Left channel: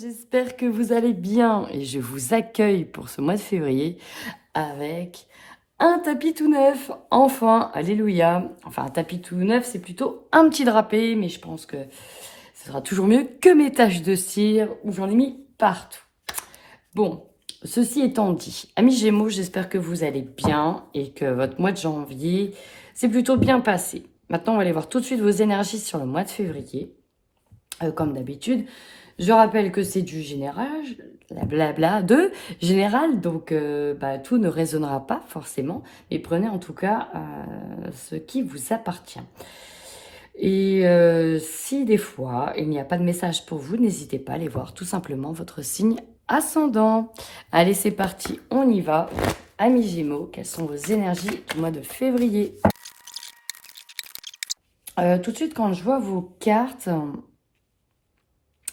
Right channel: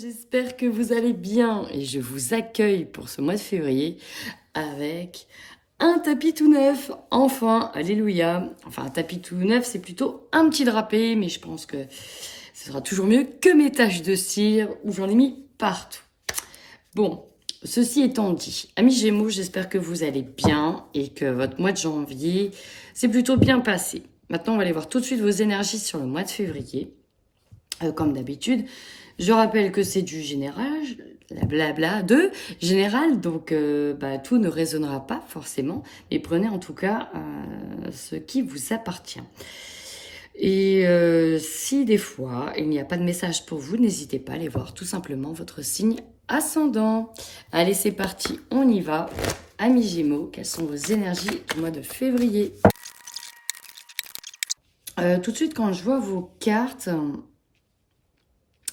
J'espère que vous allez bien et je vous accueille pour ce mois de février avec un tapis tout neuf. Enfin, alléluia. Enfin, un tapis tout neuf, c'est plutôt un petit drapé, mais je pense que ce sera toujours mieux que mes taches de cire où j'en ai mis partout. Bon, ceci étant dit, amis Gémeaux, j'espère que vous allez bien et que votre mois de janvier s'est plutôt bien passé. Maintenant, on va aller voir tout de suite vos énergies sur le mois de février. Comme d'habitude, je rappelle que c'est du général, blabla de général, donc tout ne résonnera pas forcément, mais prenez en tout cas ce qui vous appartient. Et si des fois il n'y a pas de message pour vous, n'hésitez pas à aller voir tout simplement votre signe ascendant. Allez, c'est parti, on y va. Amis Gémeaux, quelles sont vos énergies du mois de février? Tout de suite, quand je vois vos cartes,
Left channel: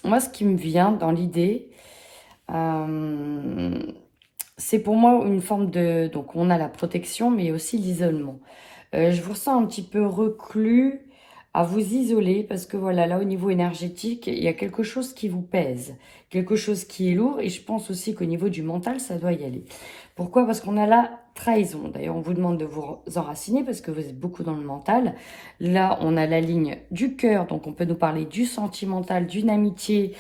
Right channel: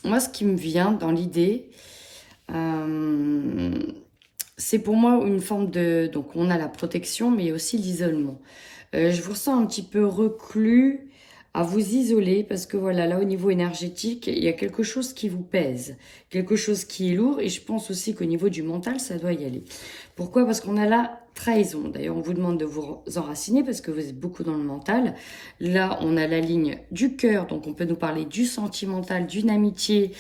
moi, ce qui me vient dans l'idée, c'est pour moi une forme de... Donc, on a la protection, mais aussi l'isolement. Je vous ressens un petit peu reclus, à vous isoler, parce que voilà, là, au niveau énergétique, il y a quelque chose qui vous pèse, quelque chose qui est lourd, et je pense aussi qu'au niveau du mental, ça doit y aller. Pourquoi? Parce qu'on a la trahison. D'ailleurs, on vous demande de vous enraciner, parce que vous êtes beaucoup dans le mental. Là, on a la ligne du cœur, donc on peut nous parler du sentimental, d'une amitié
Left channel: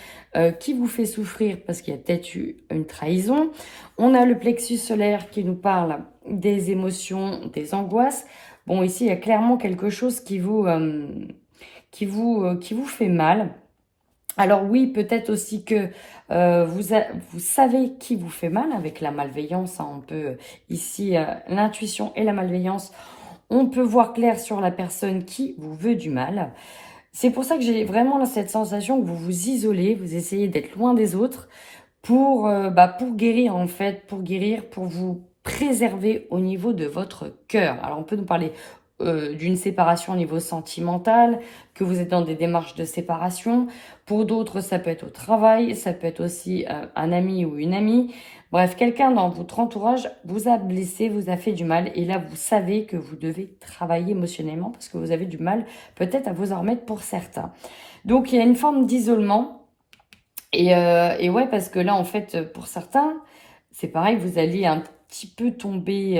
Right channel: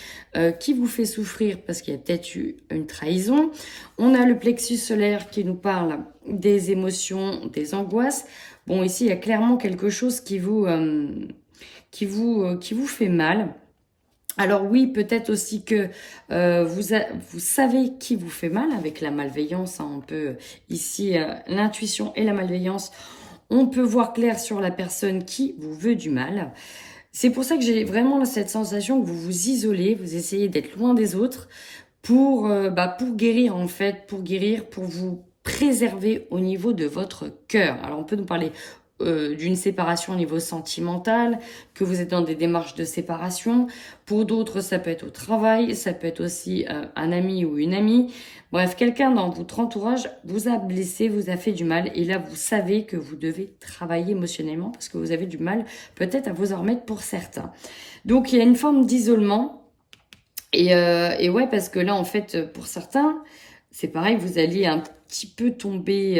qui vous fait souffrir, parce qu'il y a peut-être eu une trahison. On a le plexus solaire qui nous parle des émotions, des angoisses. Bon, ici, il y a clairement quelque chose qui vous fait mal. Alors oui, peut-être aussi que vous savez qui vous fait mal avec la malveillance. Hein, on peut, ici, l'intuition et la malveillance, on peut voir clair sur la personne qui vous veut du mal. C'est pour ça que j'ai vraiment là, cette sensation que vous vous isolez, vous essayez d'être loin des autres pour guérir en fait, pour vous préserver au niveau de votre cœur. Alors on peut nous parler d'une séparation au niveau sentimental, que vous êtes dans des démarches de séparation. Pour d'autres, ça peut être au travail, ça peut être aussi un ami ou une amie. Bref, quelqu'un dans votre entourage vous a blessé, vous a fait du mal. Et là, vous savez que vous devez travailler émotionnellement parce que vous avez du mal peut-être à vous en remettre pour certains. Donc, il y a une forme d'isolement. Et ouais, parce que là, en fait, pour certains, c'est pareil, vous allez un petit peu tomber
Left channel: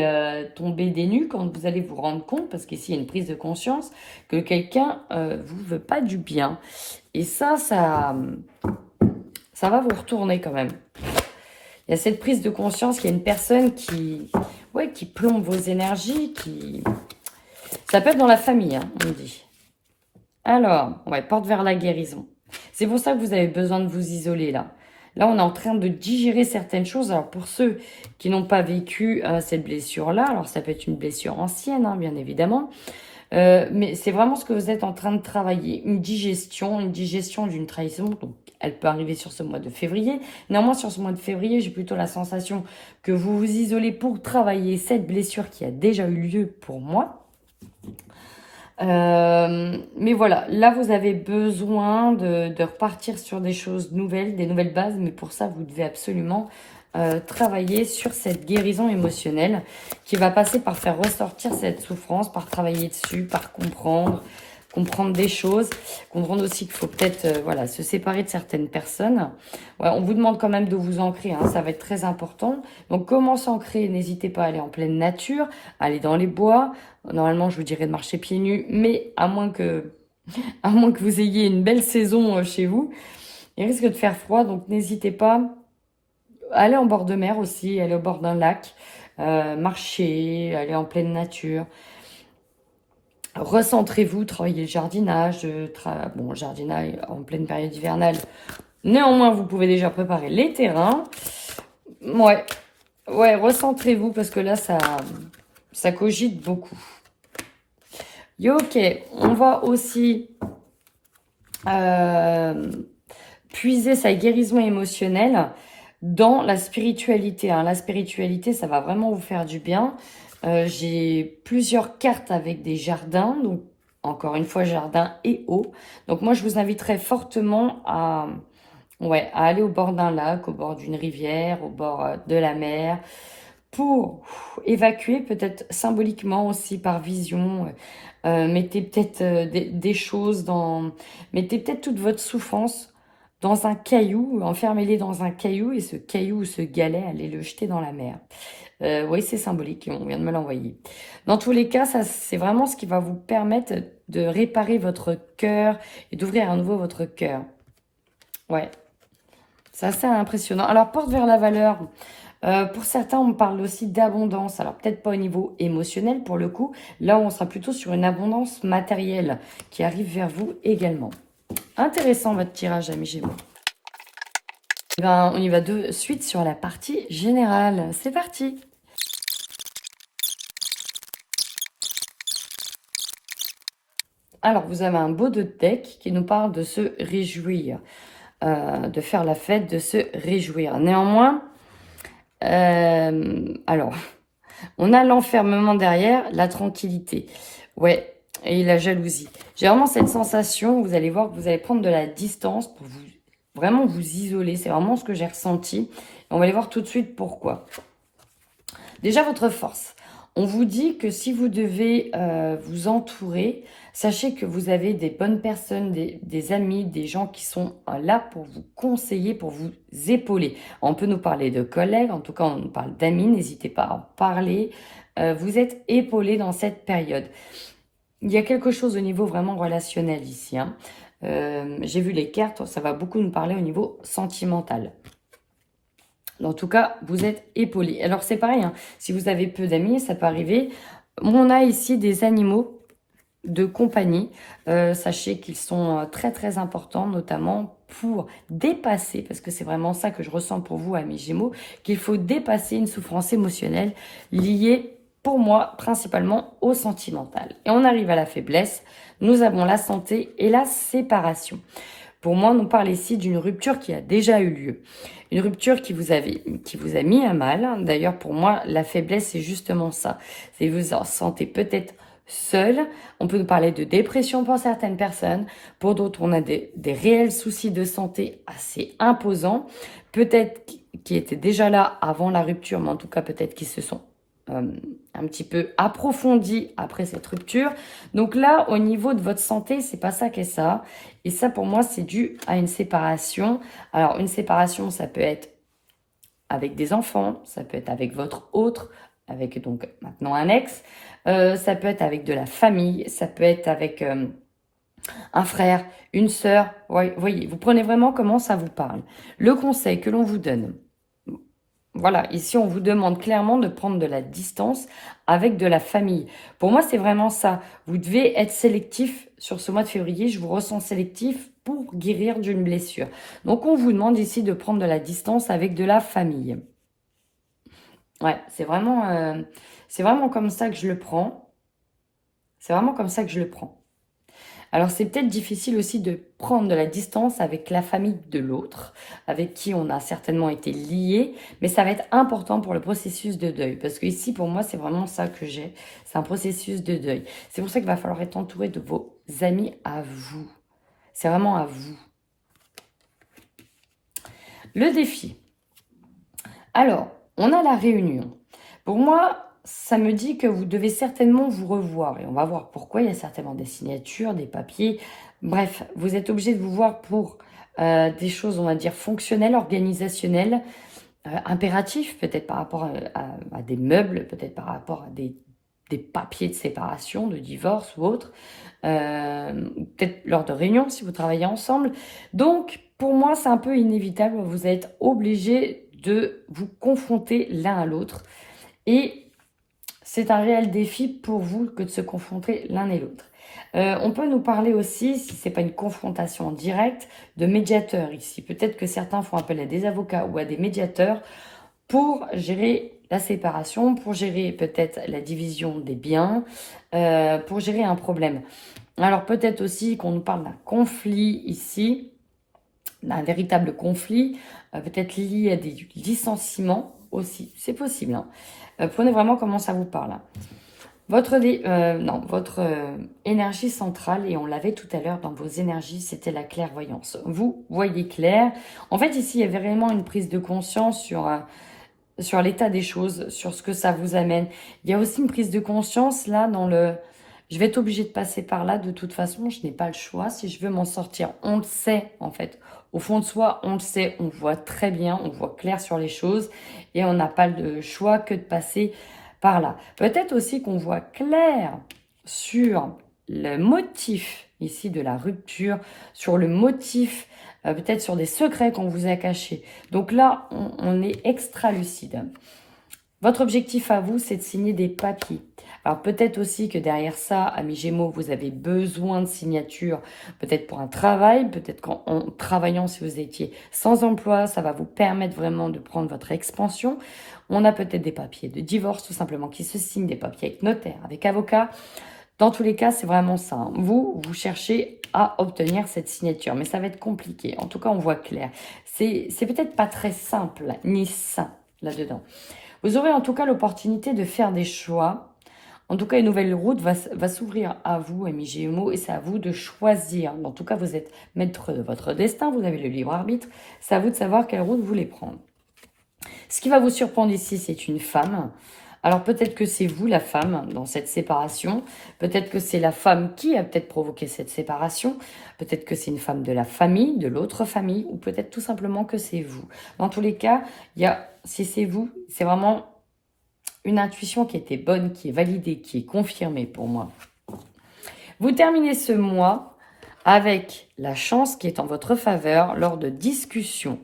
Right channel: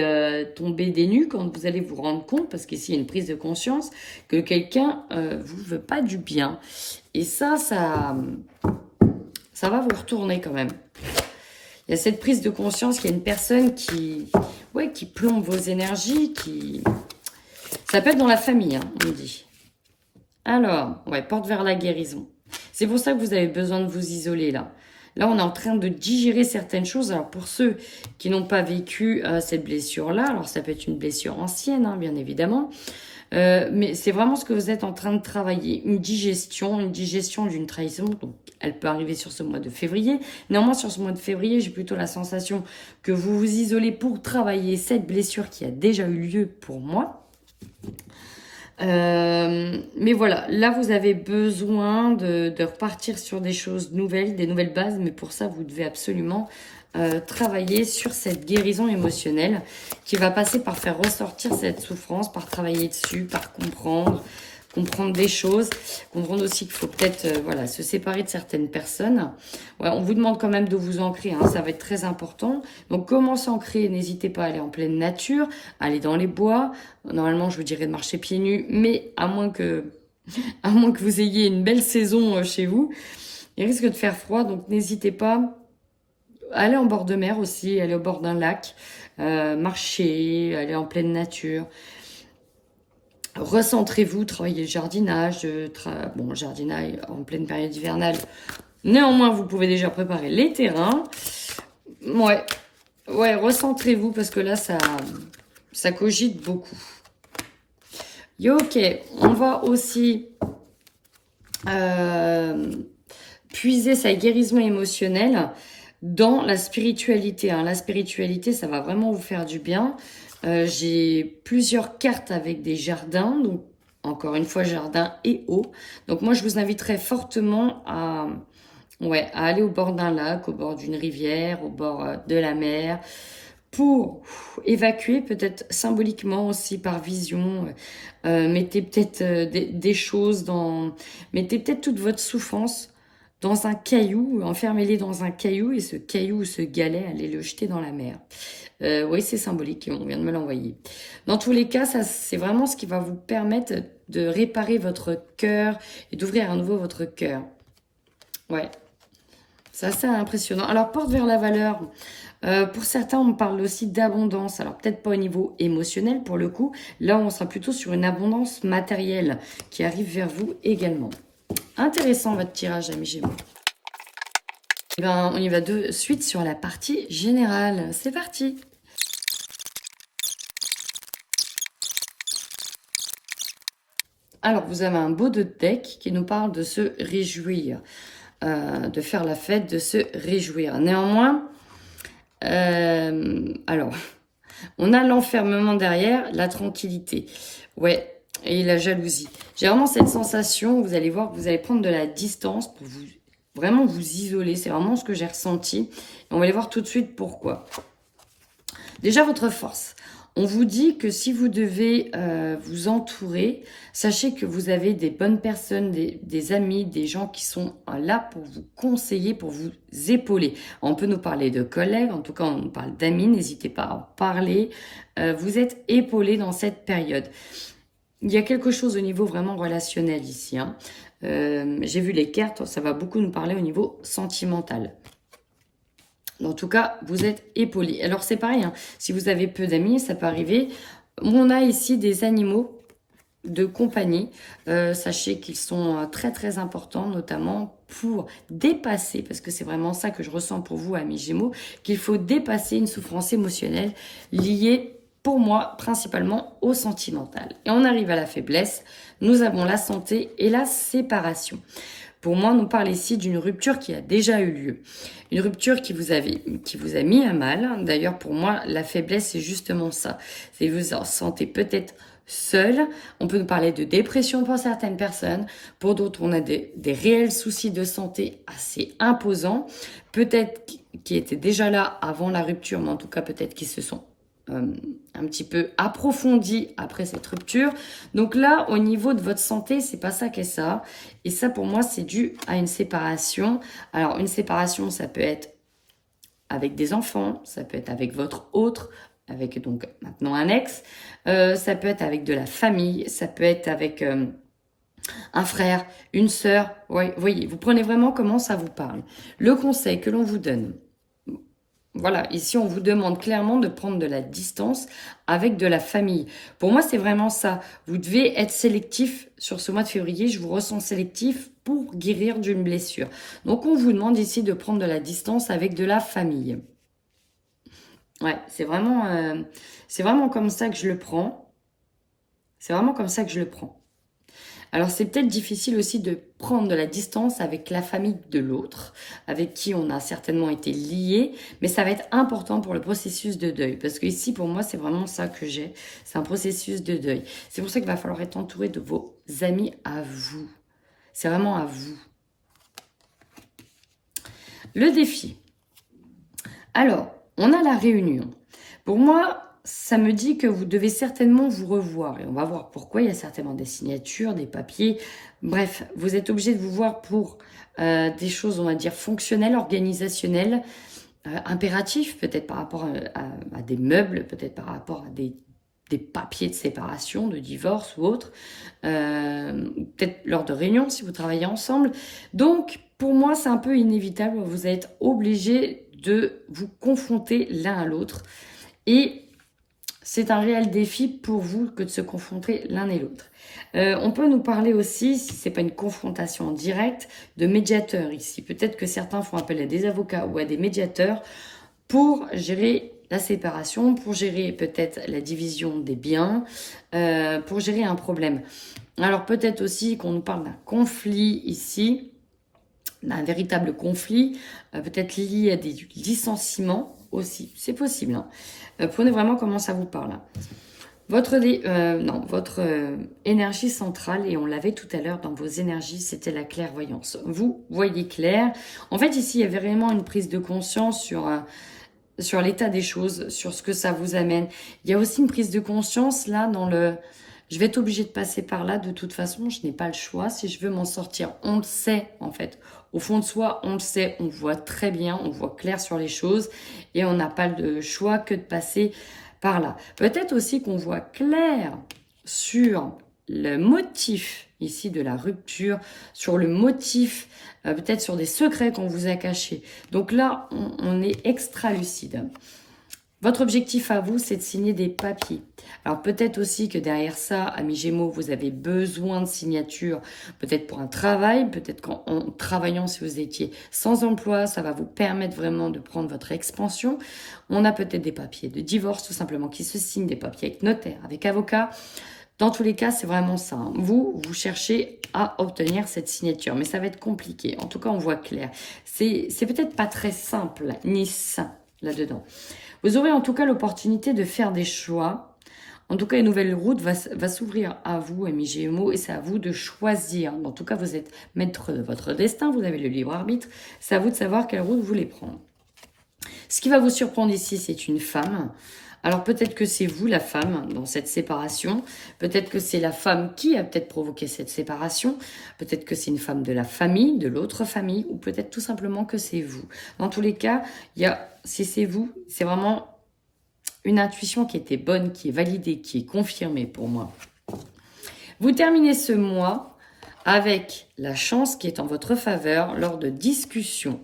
des nues quand vous allez vous rendre compte, parce qu'ici, il y a une prise de conscience, que quelqu'un vous veut pas du bien. Et ça va vous retourner quand même. Il y a cette prise de conscience qu'il y a une personne qui plombe vos énergies, Ça peut être dans la famille, hein, on dit. Alors, ouais, porte vers la guérison. C'est pour ça que vous avez besoin de vous isoler là. Là, on est en train de digérer certaines choses. Alors, pour ceux qui n'ont pas vécu cette blessure-là, alors ça peut être une blessure ancienne, hein, bien évidemment, mais c'est vraiment ce que vous êtes en train de travailler. Une digestion d'une trahison. Donc, elle peut arriver sur ce mois de février. Néanmoins, sur ce mois de février, j'ai plutôt la sensation que vous vous isolez pour travailler cette blessure qui a déjà eu lieu pour moi. Mais voilà, là vous avez besoin de repartir sur des choses nouvelles, des nouvelles bases, mais pour ça vous devez absolument travailler sur cette guérison émotionnelle qui va passer par faire ressortir cette souffrance, par travailler dessus, par comprendre des choses, comprendre aussi qu'il faut peut-être se séparer de certaines personnes. Ouais, on vous demande quand même de vous ancrer, hein, ça va être très important. Donc comment s'ancrer? N'hésitez pas à aller en pleine nature, aller dans les bois. Normalement, je vous dirais de marcher pieds nus, mais à moins que vous ayez une belle saison chez vous, il risque de faire froid, donc n'hésitez pas. Allez en bord de mer aussi, aller au bord d'un lac, marcher, aller en pleine nature. Recentrez-vous, travaillez le jardinage, jardinage en pleine période hivernale. Néanmoins, vous pouvez déjà préparer les terrains. Ouais, recentrez-vous parce que là, ça cogite beaucoup. Ok, on va aussi puiser sa guérison émotionnelle dans la spiritualité. Hein. La spiritualité, ça va vraiment vous faire du bien. J'ai plusieurs cartes avec des jardins, donc encore une fois jardin et eau. Donc moi je vous inviterai fortement à aller au bord d'un lac, au bord d'une rivière, au bord de la mer, pour évacuer peut-être symboliquement aussi par vision. Mettez peut-être des choses mettez peut-être toute votre souffrance dans un caillou, enfermez-les dans un caillou, et ce caillou ou ce galet, allez le jeter dans la mer. Oui, c'est symbolique, on vient de me l'envoyer. Dans tous les cas, ça, c'est vraiment ce qui va vous permettre de réparer votre cœur et d'ouvrir à nouveau votre cœur. Ouais, c'est assez impressionnant. Alors, porte vers la valeur. Pour certains, on parle aussi d'abondance. Alors, peut-être pas au niveau émotionnel pour le coup. Là, on sera plutôt sur une abondance matérielle qui arrive vers vous également. Intéressant votre tirage, amis Gémeaux. Eh ben, on y va de suite sur la partie générale. C'est parti! Alors, vous avez un beau deck qui nous parle de se réjouir, de faire la fête, de se réjouir. Néanmoins, alors, on a l'enfermement derrière, la tranquillité. Ouais, et la jalousie. J'ai vraiment cette sensation, vous allez voir que vous allez prendre de la distance pour vous, vraiment vous isoler. C'est vraiment ce que j'ai ressenti. Et on va aller voir tout de suite pourquoi. Déjà, votre force. On vous dit que si vous devez vous entourer, sachez que vous avez des bonnes personnes, des amis, des gens qui sont là pour vous conseiller, pour vous épauler. On peut nous parler de collègues, en tout cas on nous parle d'amis, n'hésitez pas à en parler. Vous êtes épaulés dans cette période. Il y a quelque chose au niveau vraiment relationnel ici. Hein. J'ai vu les cartes, ça va beaucoup nous parler au niveau sentimental. En tout cas, vous êtes épaulés. Alors, c'est pareil, hein, si vous avez peu d'amis, ça peut arriver. On a ici des animaux de compagnie. Sachez qu'ils sont très, très importants, notamment pour dépasser, parce que c'est vraiment ça que je ressens pour vous, amis Gémeaux, qu'il faut dépasser une souffrance émotionnelle liée, pour moi, principalement au sentimental. Et on arrive à la faiblesse. Nous avons la santé et la séparation. Pour moi, on nous parle ici d'une rupture qui a déjà eu lieu. Une rupture qui vous a mis à mal. D'ailleurs, pour moi, la faiblesse, c'est justement ça. C'est que vous en sentez peut-être seul. On peut nous parler de dépression pour certaines personnes. Pour d'autres, on a des réels soucis de santé assez imposants. Peut-être qui étaient déjà là avant la rupture, mais en tout cas, peut-être qu'ils se sont un petit peu approfondis après cette rupture. Donc là, au niveau de votre santé, c'est pas ça qu'est ça. Et ça, pour moi, c'est dû à une séparation. Alors, une séparation, ça peut être avec des enfants, ça peut être avec votre autre, avec donc maintenant un ex, ça peut être avec de la famille, ça peut être avec un frère, une sœur. Voyez, vous prenez vraiment comment ça vous parle. Le conseil que l'on vous donne, voilà, ici on vous demande clairement de prendre de la distance avec de la famille. Pour moi, c'est vraiment ça. Vous devez être sélectif sur ce mois de février. Je vous ressens sélectif pour guérir d'une blessure. Donc, on vous demande ici de prendre de la distance avec de la famille. Ouais, c'est vraiment comme ça que je le prends. C'est vraiment comme ça que je le prends. Alors, c'est peut-être difficile aussi de prendre de la distance avec la famille de l'autre, avec qui on a certainement été lié, mais ça va être important pour le processus de deuil. Parce que ici, pour moi, c'est vraiment ça que j'ai. C'est un processus de deuil. C'est pour ça qu'il va falloir être entouré de vos amis à vous. C'est vraiment à vous. Le défi. Alors, on a la réunion. Pour moi, ça me dit que vous devez certainement vous revoir. Et on va voir pourquoi. Il y a certainement des signatures, des papiers. Bref, vous êtes obligé de vous voir pour des choses, on va dire, fonctionnelles, organisationnelles, impératifs, peut-être par rapport à des meubles, peut-être par rapport à des papiers de séparation, de divorce ou autre. Peut-être lors de réunions, si vous travaillez ensemble. Donc, pour moi, c'est un peu inévitable. Vous êtes obligé de vous confronter l'un à l'autre. Et c'est un réel défi pour vous que de se confronter l'un et l'autre. On peut nous parler aussi, si ce n'est pas une confrontation directe, de médiateurs ici. Peut-être que certains font appel à des avocats ou à des médiateurs pour gérer la séparation, pour gérer peut-être la division des biens, pour gérer un problème. Alors peut-être aussi qu'on nous parle d'un conflit ici, d'un véritable conflit, peut-être lié à des licenciements aussi, c'est possible. Hein. Prenez vraiment comment ça vous parle. Votre énergie centrale, et on l'avait tout à l'heure dans vos énergies, c'était la clairvoyance. Vous voyez clair. En fait, ici, il y avait vraiment une prise de conscience sur l'état des choses, sur ce que ça vous amène. Il y a aussi une prise de conscience là dans le... Je vais être obligée de passer par là de toute façon, je n'ai pas le choix si je veux m'en sortir. On le sait en fait. Au fond de soi, on le sait, on voit très bien, on voit clair sur les choses et on n'a pas le choix que de passer par là. Peut-être aussi qu'on voit clair sur le motif ici de la rupture, sur le motif, peut-être sur des secrets qu'on vous a cachés. Donc là, on est extra lucide. Votre objectif à vous, c'est de signer des papiers. Alors peut-être aussi que derrière ça, amis Gémeaux, vous avez besoin de signatures, peut-être pour un travail, peut-être qu'en travaillant, si vous étiez sans emploi, ça va vous permettre vraiment de prendre votre expansion. On a peut-être des papiers de divorce, tout simplement, qui se signent, des papiers avec notaire, avec avocat. Dans tous les cas, c'est vraiment ça, hein. Vous cherchez à obtenir cette signature, mais ça va être compliqué. En tout cas, on voit clair. C'est peut-être pas très simple, ni sain, là-dedans. Vous aurez en tout cas l'opportunité de faire des choix. En tout cas, une nouvelle route va s'ouvrir à vous, amis Gémeaux, et c'est à vous de choisir. En tout cas, vous êtes maître de votre destin, vous avez le libre arbitre. C'est à vous de savoir quelle route vous voulez prendre. Ce qui va vous surprendre ici, c'est une femme. Alors peut-être que c'est vous la femme dans cette séparation, peut-être que c'est la femme qui a peut-être provoqué cette séparation, peut-être que c'est une femme de la famille, de l'autre famille, ou peut-être tout simplement que c'est vous. Dans tous les cas, si c'est vous, c'est vraiment une intuition qui était bonne, qui est validée, qui est confirmée pour moi. Vous terminez ce mois avec la chance qui est en votre faveur lors de discussions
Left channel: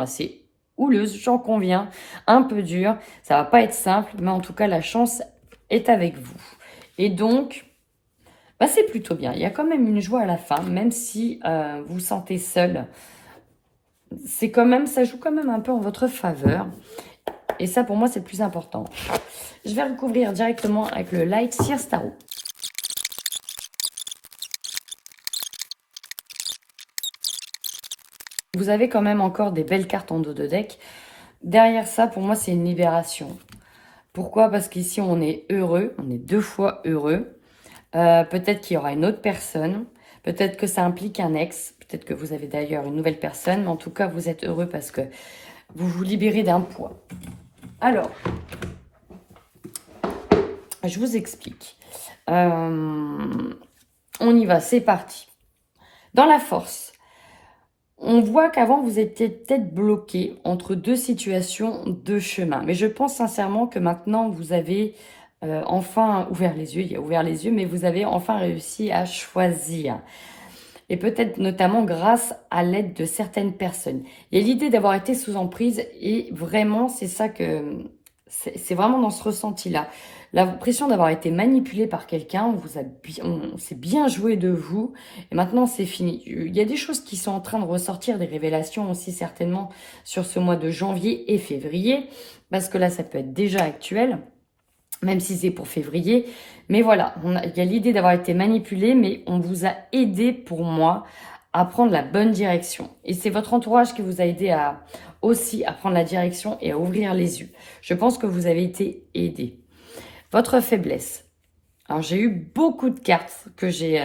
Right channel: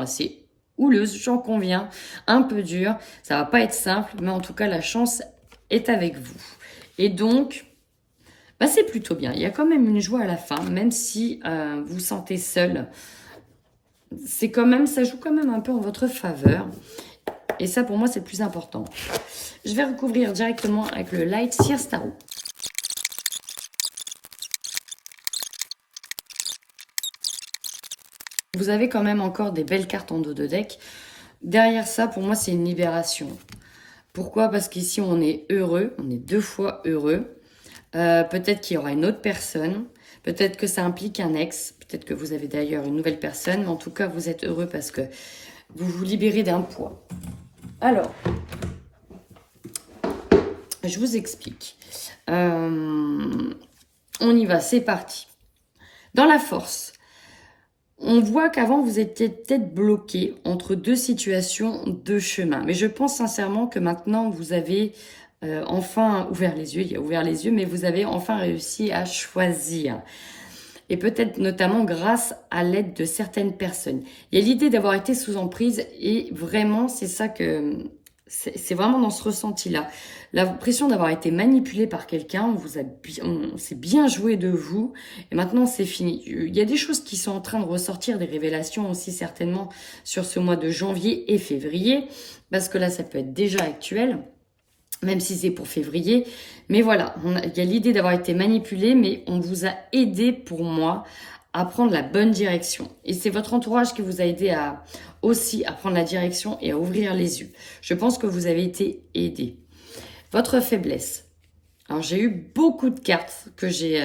assez houleuse, j'en conviens, un peu dur. Ça va pas être simple, mais en tout cas, la chance est avec vous. Et donc, c'est plutôt bien. Il y a quand même une joie à la fin, même si vous vous sentez seul. C'est quand même, ça joue quand même un peu en votre faveur. Et ça, pour moi, c'est le plus important. Je vais recouvrir directement avec le Light Seer Tarot. Vous avez quand même encore des belles cartes en dos de deck. Derrière ça, pour moi, c'est une libération. Pourquoi? Parce qu'ici, on est heureux. On est 2 fois heureux. Peut-être qu'il y aura une autre personne. Peut-être que ça implique un ex. Peut-être que vous avez d'ailleurs une nouvelle personne. Mais en tout cas, vous êtes heureux parce que vous vous libérez d'un poids. Alors, je vous explique. On y va, c'est parti. Dans la force, on voit qu'avant, vous étiez peut-être bloqué entre 2 situations, 2 chemins. Mais je pense sincèrement que maintenant, vous avez enfin ouvert les yeux. Il a ouvert les yeux, mais vous avez enfin réussi à choisir. Et peut-être notamment grâce à l'aide de certaines personnes. Il y a l'idée d'avoir été sous emprise et vraiment, c'est ça que... C'est vraiment dans ce ressenti-là. L'impression d'avoir été manipulé par quelqu'un, on s'est bien joué de vous, et maintenant c'est fini. Il y a des choses qui sont en train de ressortir, des révélations aussi certainement sur ce mois de janvier et février, parce que là ça peut être déjà actuel, même si c'est pour février. Mais voilà, il y a l'idée d'avoir été manipulé, mais on vous a aidé, pour moi, à prendre la bonne direction. Et c'est votre entourage qui vous a aidé aussi à prendre la direction et à ouvrir les yeux. Je pense que vous avez été aidé. Votre faiblesse. Alors, j'ai eu beaucoup de cartes que j'ai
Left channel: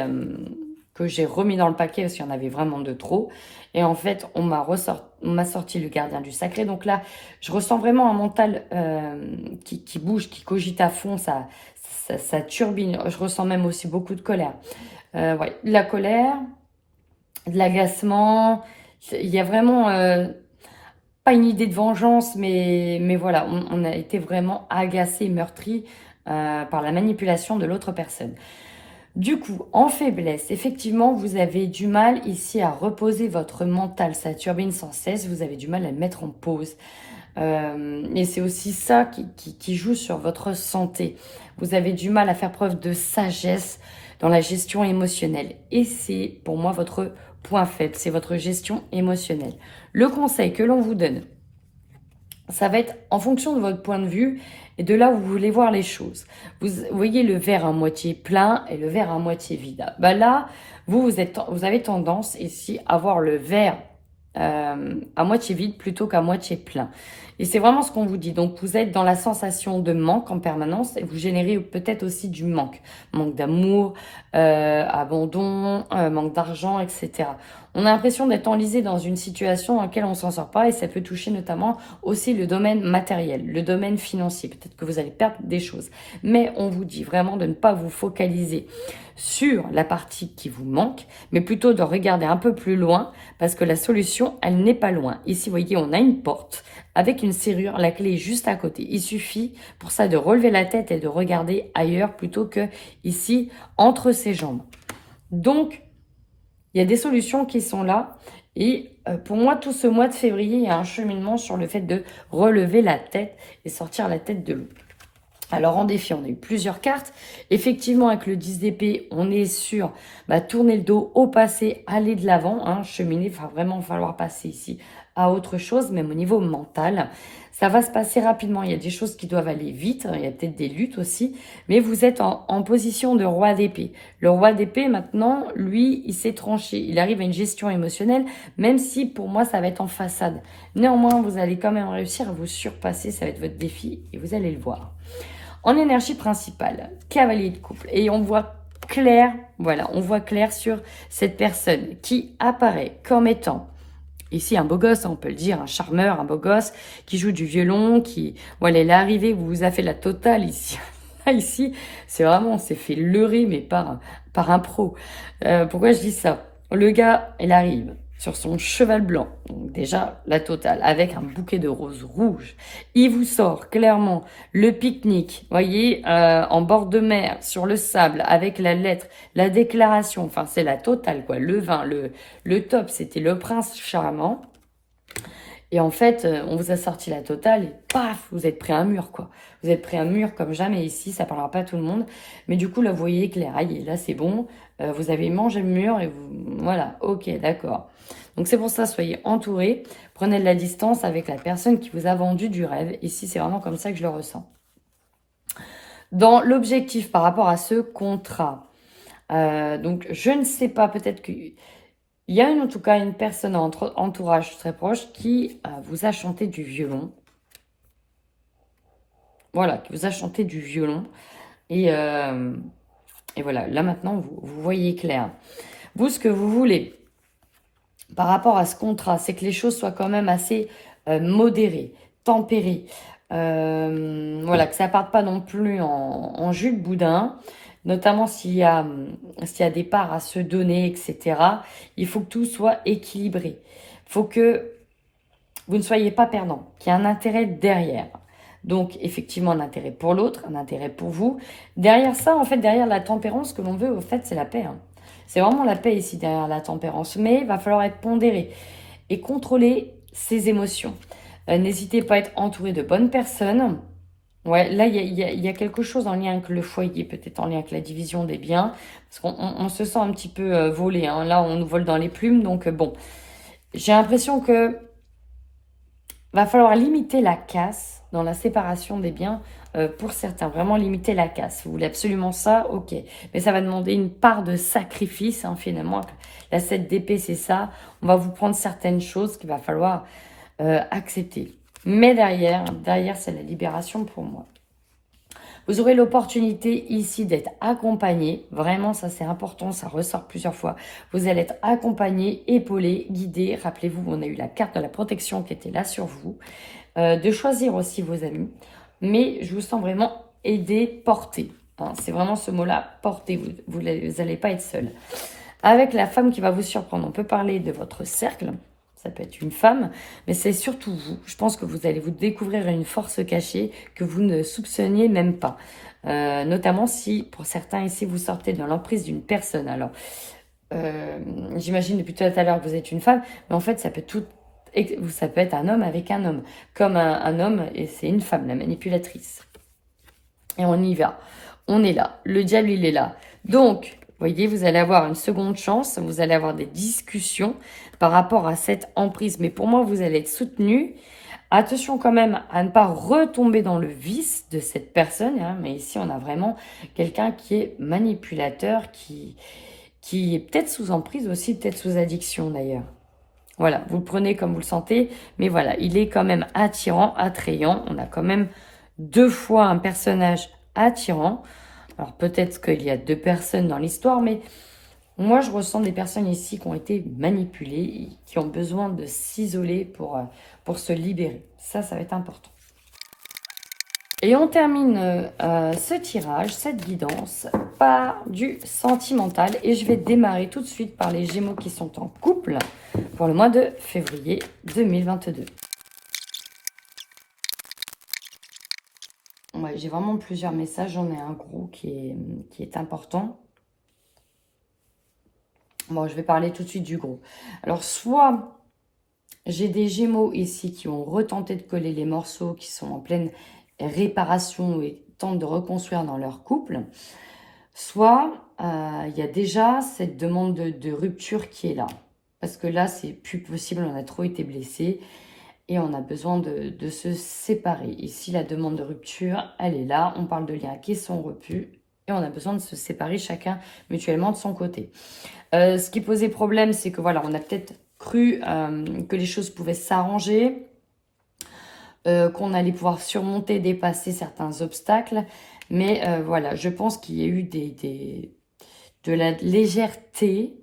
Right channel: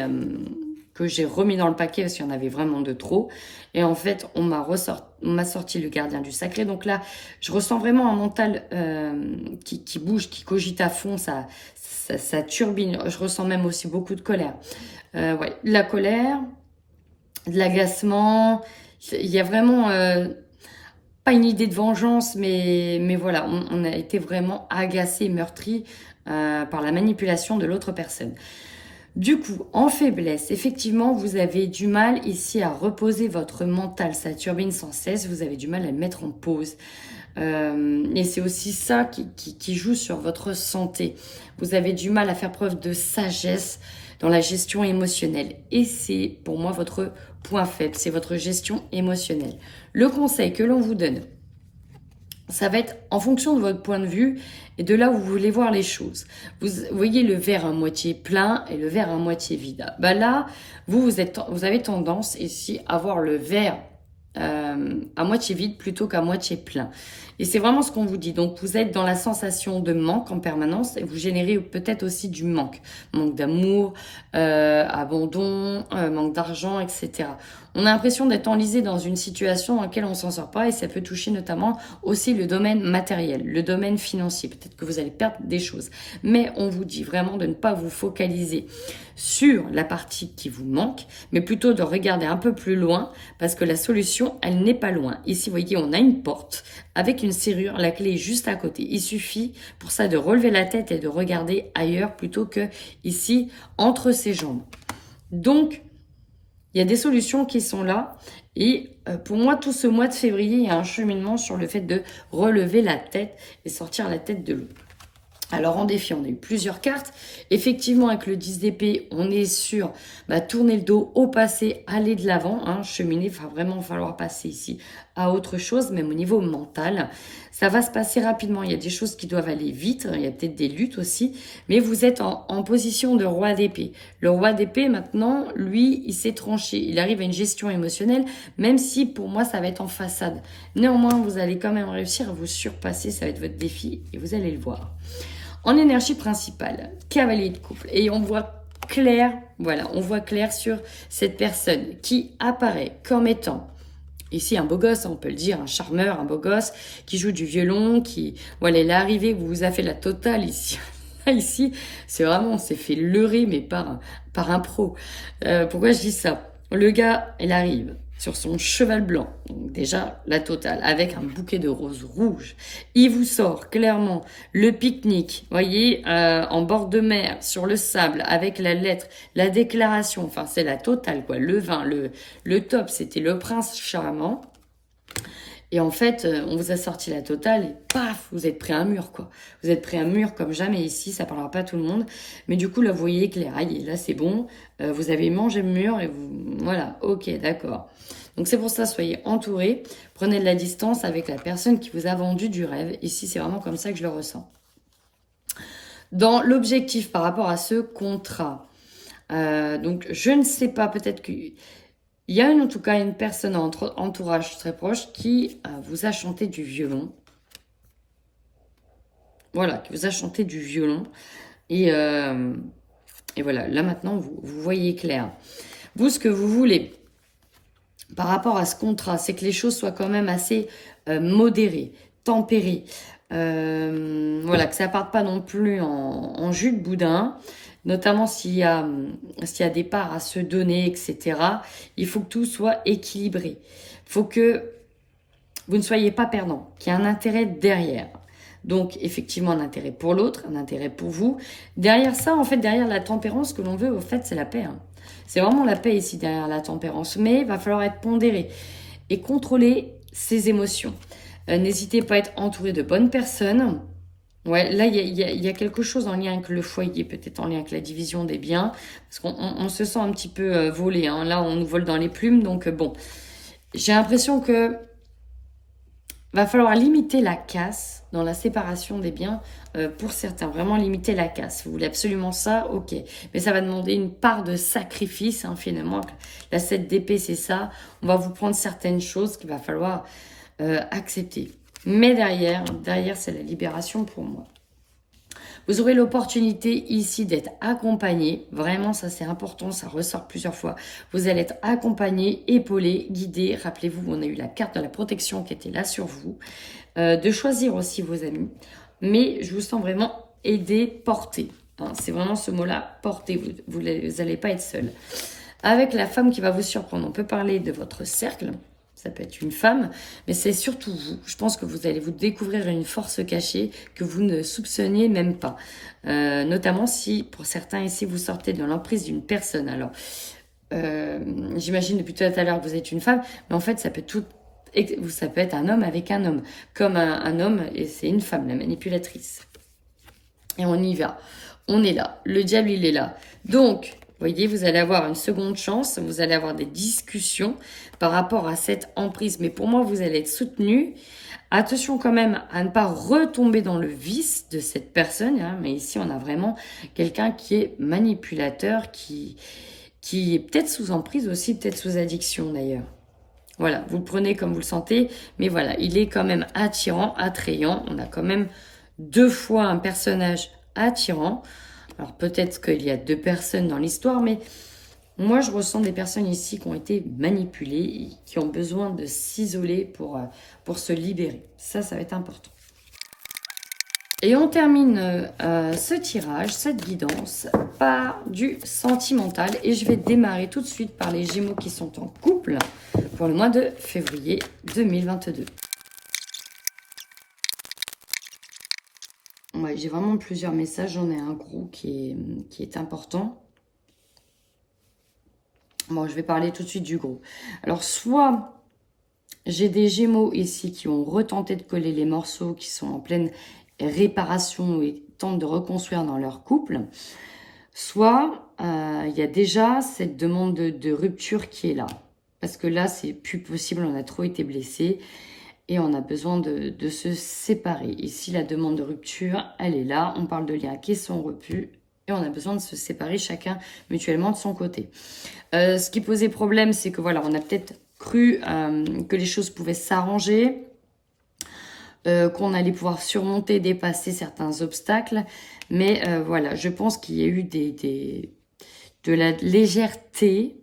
remis dans le paquet parce qu'il y en avait vraiment de trop. Et en fait, on m'a sorti le gardien du sacré. Donc là, je ressens vraiment un mental qui bouge, qui cogite à fond, ça turbine. Je ressens même aussi beaucoup de colère. Ouais, de la colère, de l'agacement. Il y a vraiment... pas une idée de vengeance, mais voilà, on a été vraiment agacé, meurtri par la manipulation de l'autre personne. Du coup, en faiblesse, effectivement, vous avez du mal ici à reposer votre mental. Ça turbine sans cesse, vous avez du mal à le mettre en pause. Et c'est aussi ça qui joue sur votre santé. Vous avez du mal à faire preuve de sagesse dans la gestion émotionnelle. Et c'est pour moi votre point faible, c'est votre gestion émotionnelle. Le conseil que l'on vous donne, ça va être en fonction de votre point de vue et de là où vous voulez voir les choses. Vous voyez le verre à moitié plein et le verre à moitié vide. Là, vous avez tendance ici à voir le verre à moitié vide plutôt qu'à moitié plein. Et c'est vraiment ce qu'on vous dit. Donc, vous êtes dans la sensation de manque en permanence et vous générez peut-être aussi du manque. Manque d'amour, abandon, manque d'argent, etc. On a l'impression d'être enlisé dans une situation dans laquelle on s'en sort pas et ça peut toucher notamment aussi le domaine matériel, le domaine financier. Peut-être que vous allez perdre des choses. Mais on vous dit vraiment de ne pas vous focaliser sur la partie qui vous manque, mais plutôt de regarder un peu plus loin parce que la solution, elle n'est pas loin. Ici, vous voyez, on a une porte avec une serrure, la clé est juste à côté. Il suffit pour ça de relever la tête et de regarder ailleurs plutôt que ici, entre ses jambes. Donc, il y a des solutions qui sont là. Et pour moi, tout ce mois de février, il y a un cheminement sur le fait de relever la tête et sortir la tête de l'eau. Alors en défi, on a eu plusieurs cartes. Effectivement, avec le 10 d'épée, on est sur tourner le dos au passé, aller de l'avant, cheminer. Il va vraiment falloir passer ici à autre chose, même au niveau mental. Ça va se passer rapidement. Il y a des choses qui doivent aller vite. Il y a peut-être des luttes aussi. Mais vous êtes en position de roi d'épée. Le roi d'épée, maintenant, lui, il s'est tranché. Il arrive à une gestion émotionnelle, même si pour moi, ça va être en façade. Néanmoins, vous allez quand même réussir à vous surpasser. Ça va être votre défi et vous allez le voir. En énergie principale, cavalier de couple. Et on voit clair, voilà, on voit clair sur cette personne qui apparaît comme étant, ici un beau gosse, on peut le dire, un charmeur, un beau gosse, qui joue du violon, qui, voilà, elle est arrivée, vous a fait la totale ici. Ici, c'est vraiment, on s'est fait leurrer, mais par un pro. Pourquoi je dis ça? Le gars, il arrive sur son cheval blanc, donc déjà la totale, avec un bouquet de roses rouges. Il vous sort clairement le pique-nique, voyez, en bord de mer, sur le sable, avec la lettre, la déclaration, enfin c'est la totale quoi, le vin, le top, c'était le prince charmant. Et en fait, on vous a sorti la totale et paf, vous êtes pris à un mur, quoi. Vous êtes pris à un mur comme jamais ici, ça parlera pas à tout le monde. Mais du coup, là, vous voyez clair, là, c'est bon. Vous avez mangé le mur et vous... Voilà, ok, d'accord. Donc, c'est pour ça, soyez entourés. Prenez de la distance avec la personne qui vous a vendu du rêve. Ici, c'est vraiment comme ça que je le ressens. Dans l'objectif par rapport à ce contrat, donc, je ne sais pas, peut-être que... Il y a en tout cas une personne en entourage très proche qui vous a chanté du violon. Voilà, qui vous a chanté du violon. Et voilà, là maintenant, vous voyez clair. Vous, ce que vous voulez par rapport à ce contrat, c'est que les choses soient quand même assez modérées, tempérées. Voilà, que ça ne parte pas non plus en jus de boudin. Notamment s'il y a des parts à se donner, etc. Il faut que tout soit équilibré. Il faut que vous ne soyez pas perdant, qu'il y ait un intérêt derrière. Donc, effectivement, un intérêt pour l'autre, un intérêt pour vous. Derrière ça, en fait, derrière la tempérance, ce que l'on veut, au fait, c'est la paix. C'est vraiment la paix ici, derrière la tempérance. Mais il va falloir être pondéré et contrôler ses émotions. N'hésitez pas à être entouré de bonnes personnes. Ouais, là, il y a quelque chose en lien avec le foyer, peut-être en lien avec la division des biens, parce qu'on se sent un petit peu volé. Là, on nous vole dans les plumes, donc bon. J'ai l'impression que va falloir limiter la casse dans la séparation des biens pour certains. Vraiment limiter la casse. Vous voulez absolument ça? Ok. Mais ça va demander une part de sacrifice, finalement. La 7 d'épée, c'est ça. On va vous prendre certaines choses qu'il va falloir accepter. Mais derrière, c'est la libération pour moi. Vous aurez l'opportunité ici d'être accompagné. Vraiment, ça c'est important, ça ressort plusieurs fois. Vous allez être accompagné, épaulé, guidé. Rappelez-vous, on a eu la carte de la protection qui était là sur vous. De choisir aussi vos amis. Mais je vous sens vraiment aidé, porté. C'est vraiment ce mot-là, porté. Vous n'allez pas être seul. Avec la femme qui va vous surprendre, on peut parler de votre cercle. Ça peut être une femme, mais c'est surtout vous. Je pense que vous allez vous découvrir une force cachée que vous ne soupçonniez même pas. Notamment si, pour certains ici, vous sortez de l'emprise d'une personne. Alors, j'imagine depuis tout à l'heure que vous êtes une femme, mais en fait, ça peut être un homme avec un homme. Comme un homme, et c'est une femme, la manipulatrice. Et on y va. On est là. Le diable, il est là. Donc, voyez, vous allez avoir une seconde chance. Vous allez avoir des discussions par rapport à cette emprise. Mais pour moi, vous allez être soutenu. Attention quand même à ne pas retomber dans le vice de cette personne. Mais ici, on a vraiment quelqu'un qui est manipulateur, qui est peut-être sous emprise aussi, peut-être sous addiction d'ailleurs. Voilà, vous le prenez comme vous le sentez. Mais voilà, il est quand même attirant, attrayant. On a quand même 2 fois un personnage attirant. Alors peut-être qu'il y a 2 personnes dans l'histoire, mais Moi, je ressens des personnes ici qui ont été manipulées, qui ont besoin de s'isoler pour se libérer. Ça va être important. Et on termine ce tirage, cette guidance, par du sentimental. Et je vais démarrer tout de suite par les Gémeaux qui sont en couple pour le mois de février 2022. Ouais, j'ai vraiment plusieurs messages. J'en ai un gros qui est important. Bon, je vais parler tout de suite du gros. Alors, soit j'ai des Gémeaux ici qui ont retenté de coller les morceaux, qui sont en pleine réparation et tentent de reconstruire dans leur couple. Soit il y a déjà cette demande de rupture qui est là. Parce que là, c'est plus possible, on a trop été blessés et on a besoin de se séparer. Ici, la demande de rupture, elle est là. On parle de liens qui sont rompus et on a besoin de se séparer chacun mutuellement de son côté. Ce qui posait problème, c'est que voilà, on a peut-être cru que les choses pouvaient s'arranger, qu'on allait pouvoir surmonter, dépasser certains obstacles. Mais voilà, je pense qu'il y a eu de la légèreté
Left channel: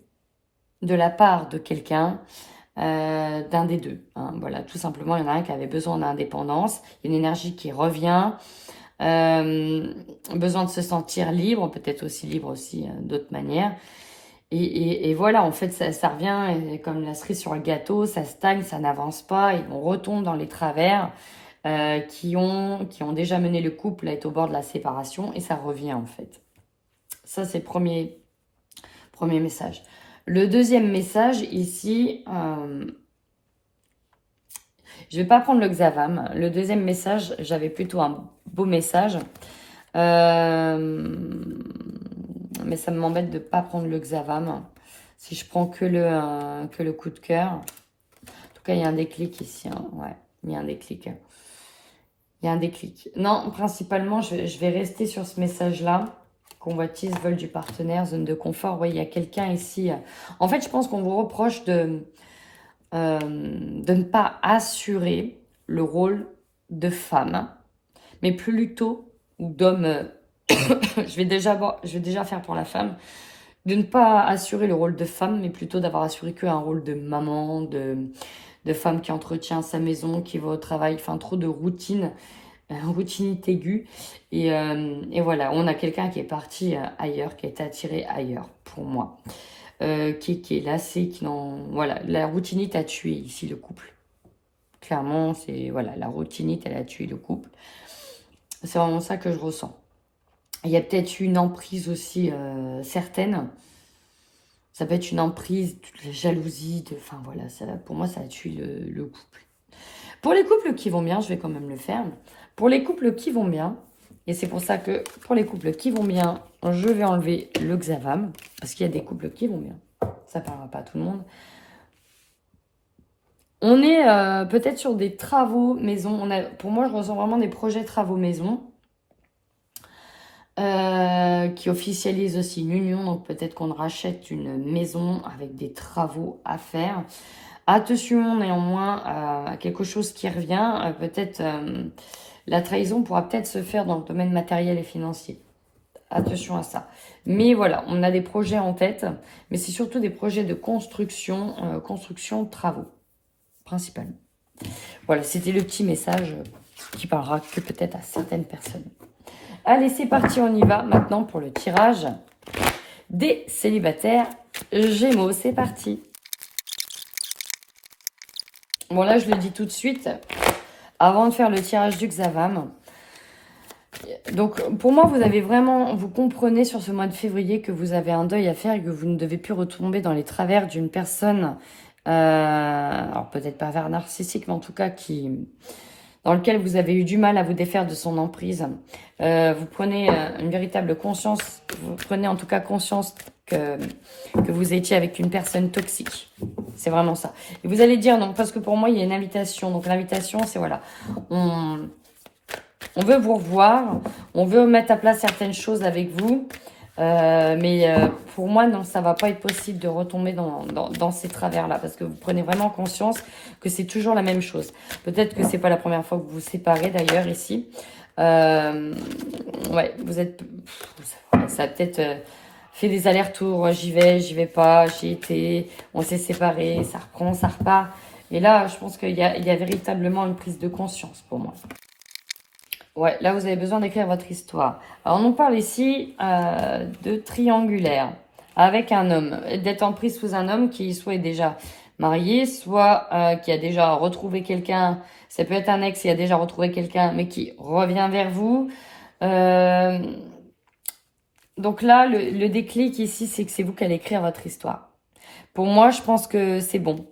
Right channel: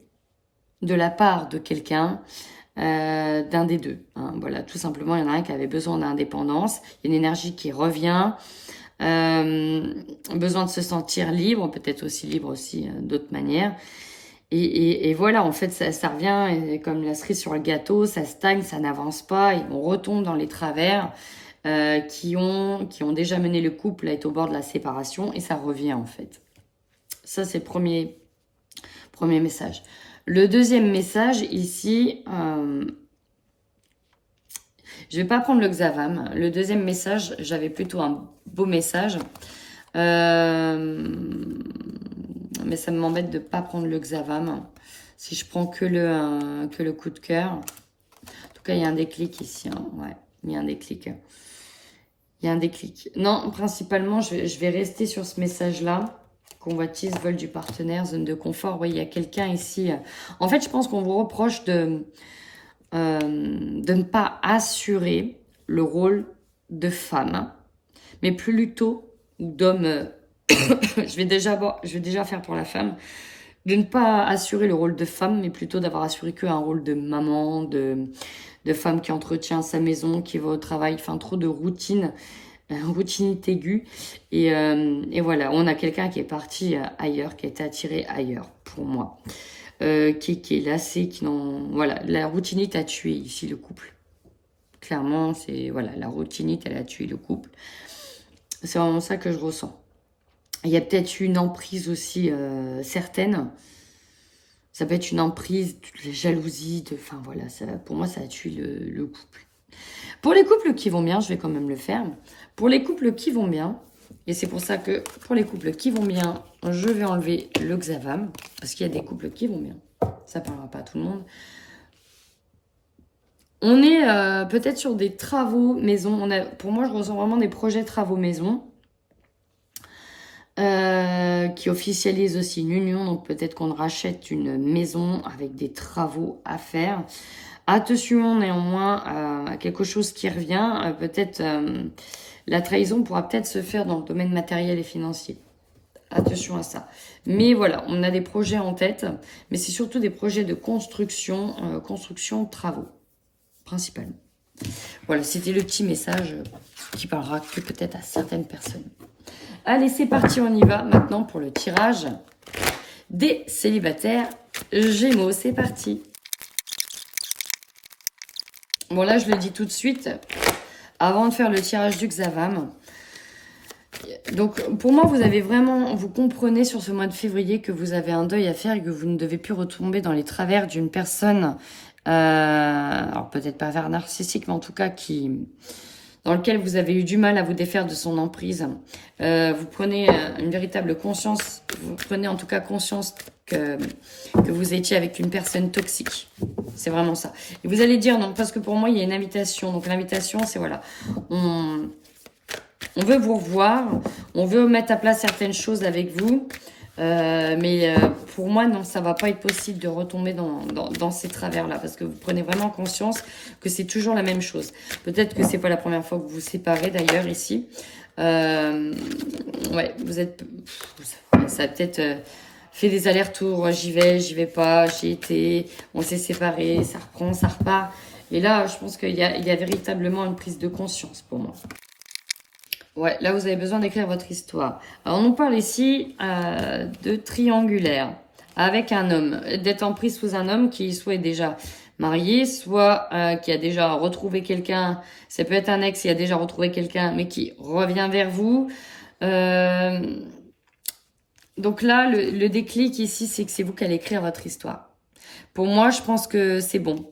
de la part de quelqu'un, d'un des deux. Hein. Voilà, tout simplement, il y en a un qui avait besoin d'indépendance, une énergie qui revient, besoin de se sentir libre, peut-être aussi libre aussi d'autres manières. Et voilà, en fait, ça revient comme la cerise sur le gâteau, ça stagne, ça n'avance pas, et on retombe dans les travers qui ont déjà mené le couple à être au bord de la séparation, et ça revient en fait. Ça, c'est le premier message. Le deuxième message, ici, je vais pas prendre le Xavam. Le deuxième message, j'avais plutôt un beau message. Mais ça m'embête de ne pas prendre le Xavam. Si je prends que le coup de cœur. En tout cas, il y a un déclic ici. Hein. Ouais, il y a un déclic. Il y a un déclic. Non, principalement, je vais rester sur ce message-là. Convoitise, vol du partenaire, zone de confort. Oui, il y a quelqu'un ici. En fait, je pense qu'on vous reproche de ne pas assurer le rôle de femme, mais plutôt d'homme. je vais déjà faire pour la femme, de ne pas assurer le rôle de femme, mais plutôt d'avoir assuré qu'un rôle de maman, de femme qui entretient sa maison, qui va au travail, enfin trop de routine, routinité aiguë. Et voilà, on a quelqu'un qui est parti ailleurs, qui a été attiré ailleurs, pour moi. Qui est lassé, voilà, la routinite a tué ici le couple. Clairement, c'est voilà, la routinite, elle a tué le couple. C'est vraiment ça que je ressens. Il y a peut-être une emprise aussi certaine. Ça peut être une emprise, la jalousie, enfin voilà, pour moi, ça a tué le couple. Pour les couples qui vont bien, je vais quand même le faire. Pour les couples qui vont bien, et c'est pour ça que pour les couples qui vont bien, je vais enlever le Xavam, parce qu'il y a des couples qui vont bien. Ça ne parlera pas à tout le monde. On est peut-être sur des travaux maison. Pour moi, je ressens vraiment des projets travaux maison qui officialisent aussi une union. Donc peut-être qu'on rachète une maison avec des travaux à faire. Attention néanmoins à quelque chose qui revient. Peut-être la trahison pourra peut-être se faire dans le domaine matériel et financier. Attention à ça. Mais voilà, on a des projets en tête. Mais c'est surtout des projets de construction, travaux, principalement. Voilà, c'était le petit message qui parlera que peut-être à certaines personnes. Allez, c'est parti, on y va maintenant pour le tirage des célibataires Gémeaux. C'est parti. Bon, là, je le dis tout de suite, avant de faire le tirage du Xavam. Donc, pour moi, vous comprenez sur ce mois de février que vous avez un deuil à faire et que vous ne devez plus retomber dans les travers d'une personne, alors peut-être pas vers narcissique, mais en tout cas dans lequel vous avez eu du mal à vous défaire de son emprise. Vous prenez une véritable conscience, vous prenez en tout cas conscience que vous étiez avec une personne toxique. C'est vraiment ça. Et vous allez dire non, parce que pour moi, il y a une invitation. Donc l'invitation, c'est voilà, on veut vous revoir, on veut mettre à plat certaines choses avec vous. Mais pour moi, non, ça va pas être possible de retomber dans ces travers-là, parce que vous prenez vraiment conscience que c'est toujours la même chose. Peut-être que c'est pas la première fois que vous vous séparez, d'ailleurs, ici. Ouais, ça va peut-être fait des allers-retours, j'y vais pas, j'y étais, on s'est séparés, ça reprend, ça repart. Et là, je pense qu'il y a véritablement une prise de conscience pour moi. Ouais, là, vous avez besoin d'écrire votre histoire. Alors, on nous parle ici de triangulaire avec un homme, d'être en prise sous un homme qui soit est déjà marié, soit qui a déjà retrouvé quelqu'un. Ça peut être un ex qui a déjà retrouvé quelqu'un, mais qui revient vers vous. Donc là, le déclic ici, c'est que c'est vous qui allez écrire votre histoire. Pour moi, je pense que c'est bon.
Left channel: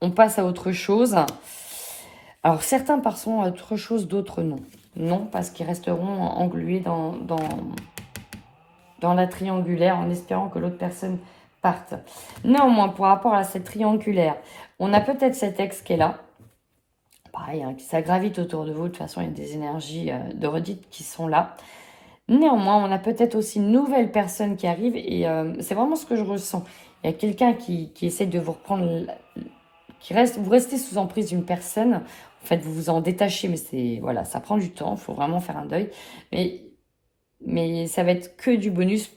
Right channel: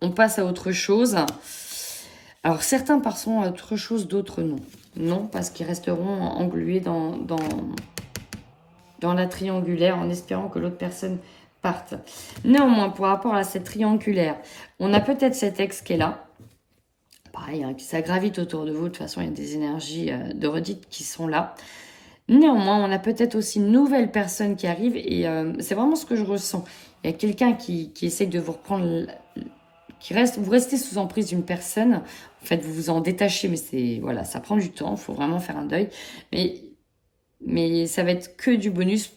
On passe à autre chose. Alors, certains passeront à autre chose, d'autres non. Non, parce qu'ils resteront englués dans la triangulaire en espérant que l'autre personne parte. Néanmoins, par rapport à cette triangulaire, on a peut-être cet ex qui est là. Pareil, hein, ça gravite autour de vous. De toute façon, il y a des énergies de redite qui sont là. Néanmoins, on a peut-être aussi une nouvelle personne qui arrive et c'est vraiment ce que je ressens. Il y a quelqu'un qui essaie de vous reprendre, vous restez sous emprise d'une personne. En fait, vous vous en détachez, mais voilà, ça prend du temps. Il faut vraiment faire un deuil. Mais ça va être que du bonus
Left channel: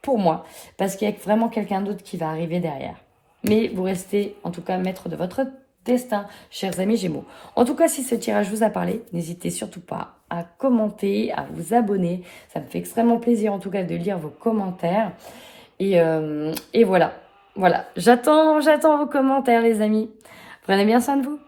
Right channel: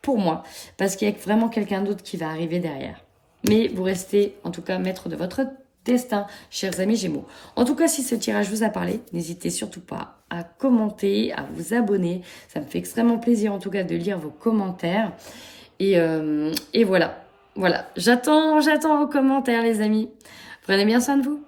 pour moi parce qu'il y a vraiment quelqu'un d'autre qui va arriver derrière. Mais vous restez en tout cas maître de votre destin, chers amis Gémeaux. En tout cas, si ce tirage vous a parlé, n'hésitez surtout pas à commenter, à vous abonner. Ça me fait extrêmement plaisir en tout cas de lire vos commentaires. Et voilà. Voilà. J'attends vos commentaires, les amis. Prenez bien soin de vous.